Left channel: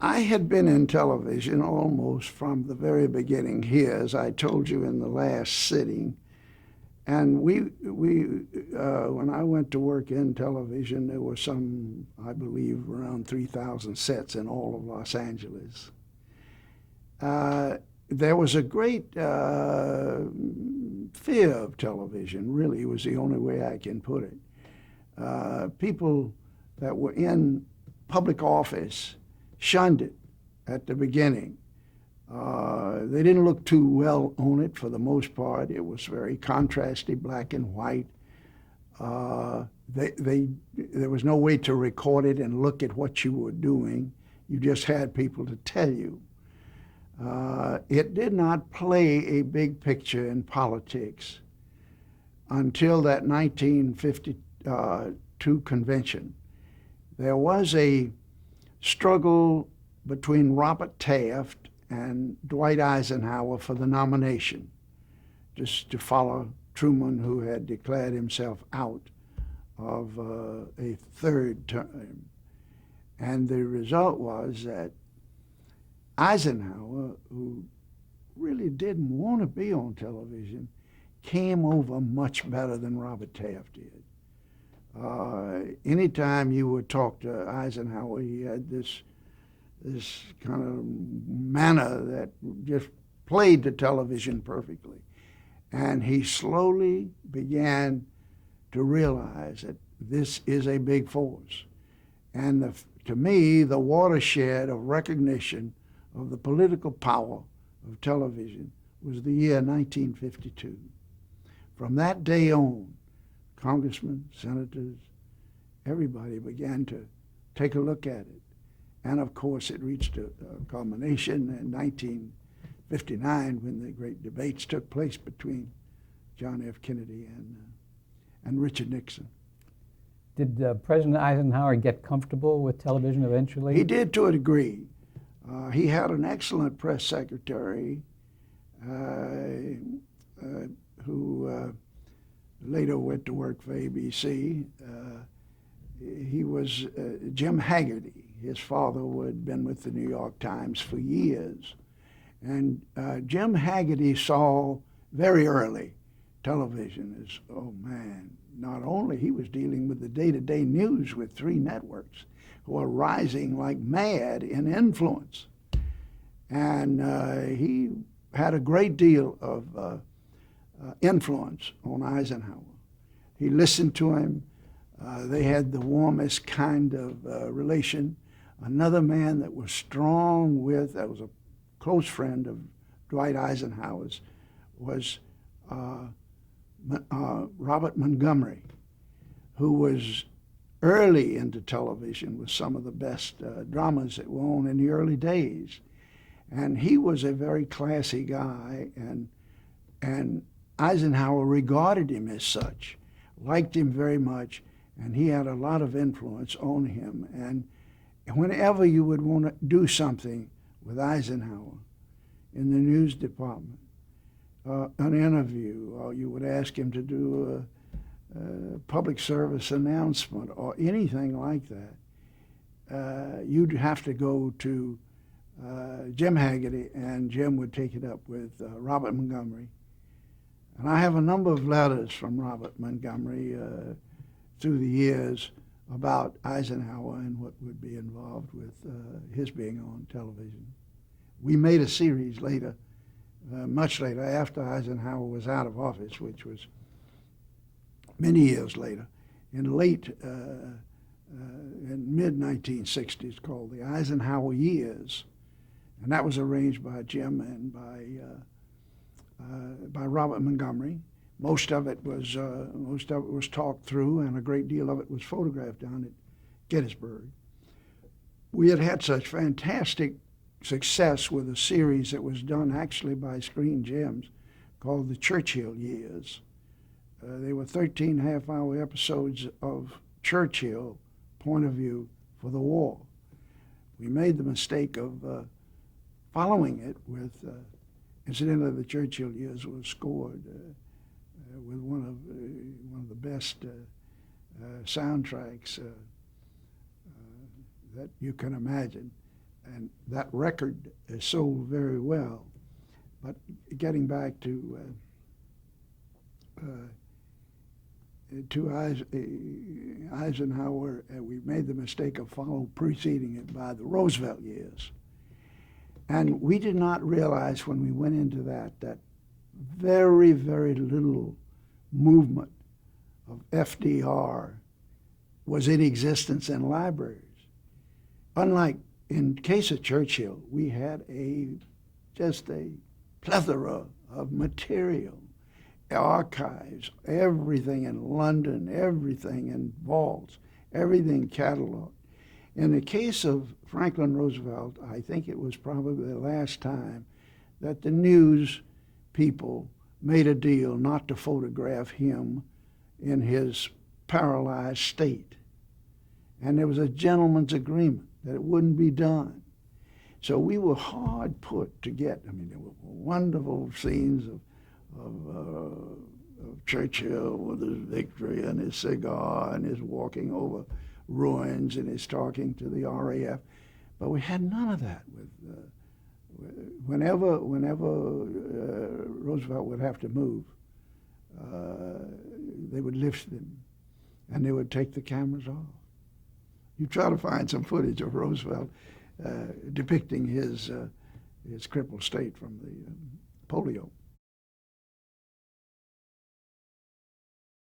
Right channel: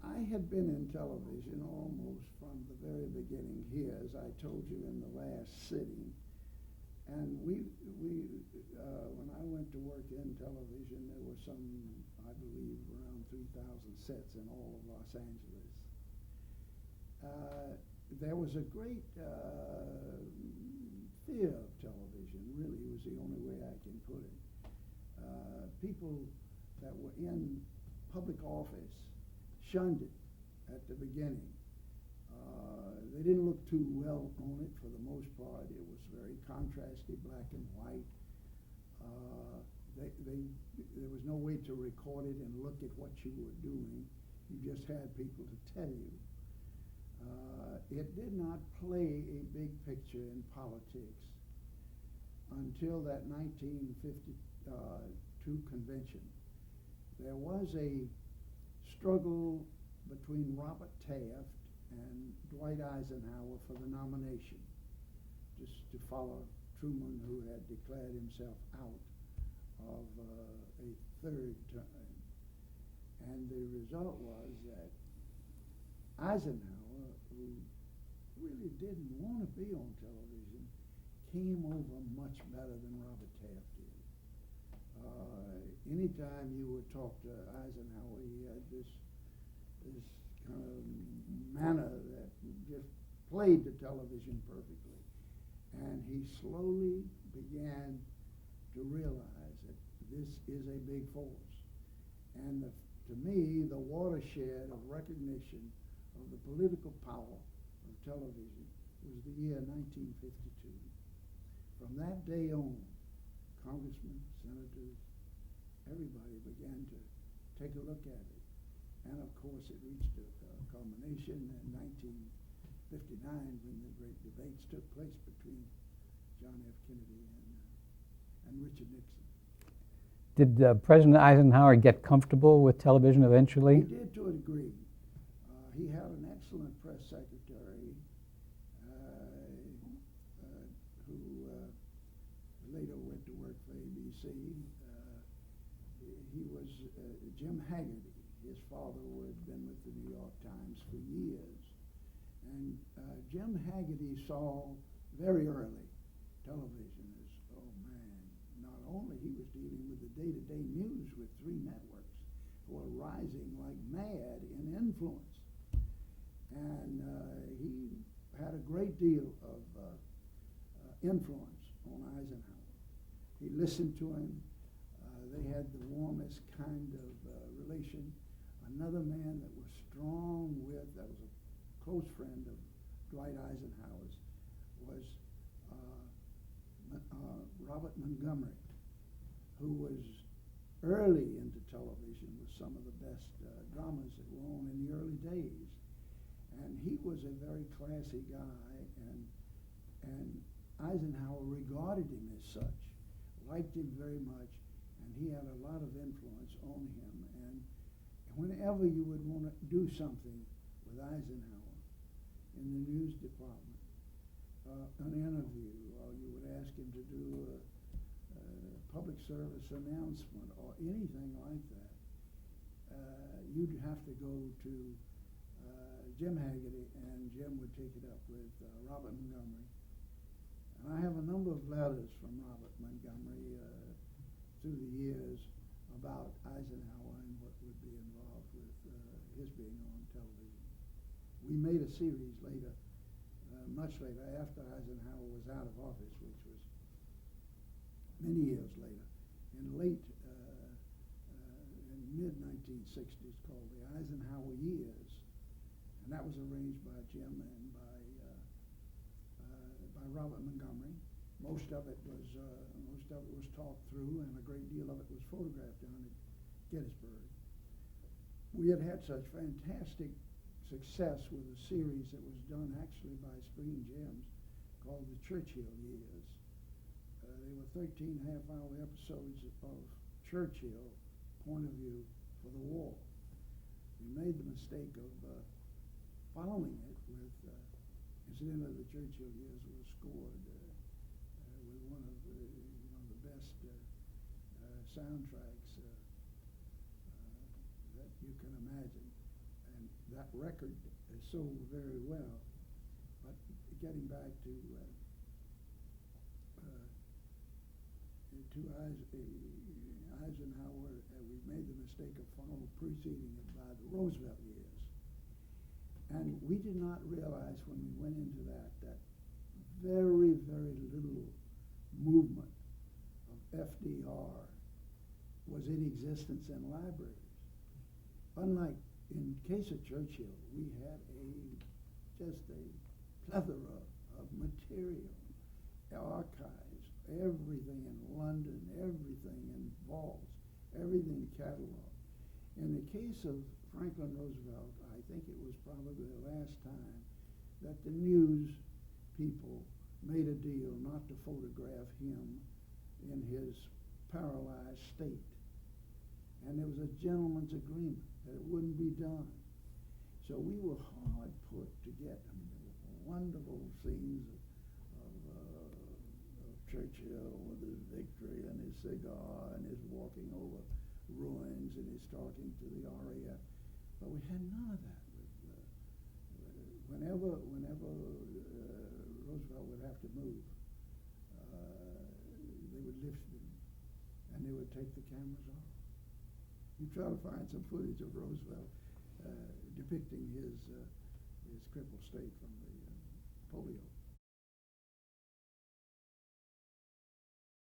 I had been in television almost from the very beginning here, as I told you in the last sitting. And when I went to work in television, there were some, I believe, around 3,000 sets in all of Los Angeles. There was a great fear of television, really, was the only way I can put it. People that were in public office shunned it at the beginning. They didn't look too well on it for the most part. It was very contrasty, black and white. Uh, there was no way to record it and look at what you were doing. You just had people to tell you. It did not play a big picture in politics until that 1952 convention. There was a struggle between Robert Taft and Dwight Eisenhower for the nomination, just to follow Truman, who had declared himself out of a third term. And the result was that Eisenhower, who really didn't want to be on television, came over much better than Robert Taft did. Anytime you would talk to Eisenhower, he had this kind of manner that just played the television perfectly. And he slowly began to realize that this is a big force. And to me, the watershed of recognition of the political power of television was the year 1952. From that day on, congressmen, senators, everybody began to take a look at it. And of course, it reached a culmination in 1959 when the great debates took place between John F. Kennedy and Richard Nixon. Did President Eisenhower get comfortable with television eventually? He did to a degree. He had an excellent press secretary who later went to work for ABC. He was Jim Haggerty. His father had been with the New York Times for years. And Jim Haggerty saw very early television as, oh man, not only he was dealing with the day-to-day news with three networks who were rising like mad in influence. And he had a great deal of influence on Eisenhower. He listened to him. They had the warmest kind of relation. Another man that was strong with, that was a close friend of Dwight Eisenhower's, was Robert Montgomery, who was early into television with some of the best dramas that were on in the early days. And he was a very classy guy, and Eisenhower regarded him as such, liked him very much, and he had a lot of influence on him. And whenever you would want to do something with Eisenhower in the news department, an interview, or you would ask him to do a public service announcement or anything like that, you'd have to go to Jim Haggerty, and Jim would take it up with Robert Montgomery. And I have a number of letters from Robert Montgomery through the years about Eisenhower and what would be involved with his being on television. We made a series later, much later, after Eisenhower was out of office, which was many years later, in mid-1960s, called the Eisenhower Years. And that was arranged by Jim and by Robert Montgomery. Most of it was talked through, and a great deal of it was photographed down at Gettysburg. We had had such fantastic success with a series that was done actually by Screen Gems called the Churchill Years. They were 13 half-hour episodes of Churchill point of view for the war. We made the mistake of following it with, incidentally, the Churchill Years was scored with one of the best soundtracks that you can imagine. and that record sold very well. But getting back to Eisenhower, we made the mistake of preceding it by the Roosevelt years. And we did not realize when we went into that very, very little movement of FDR was in existence in libraries. Unlike in case of Churchill, we had just a plethora of material, archives, everything in London, everything in vaults, everything cataloged. In the case of Franklin Roosevelt, I think it was probably the last time that the news people made a deal not to photograph him in his paralyzed state. And there was a gentleman's agreement that it wouldn't be done. So we were hard put to get, I mean, there were wonderful scenes of Churchill with his victory and his cigar and his walking over ruins and his talking to the RAF. But we had none of that. Whenever Roosevelt would have to move, they would lift them and they would take the cameras off. You try to find some footage of Roosevelt depicting his crippled state from the polio.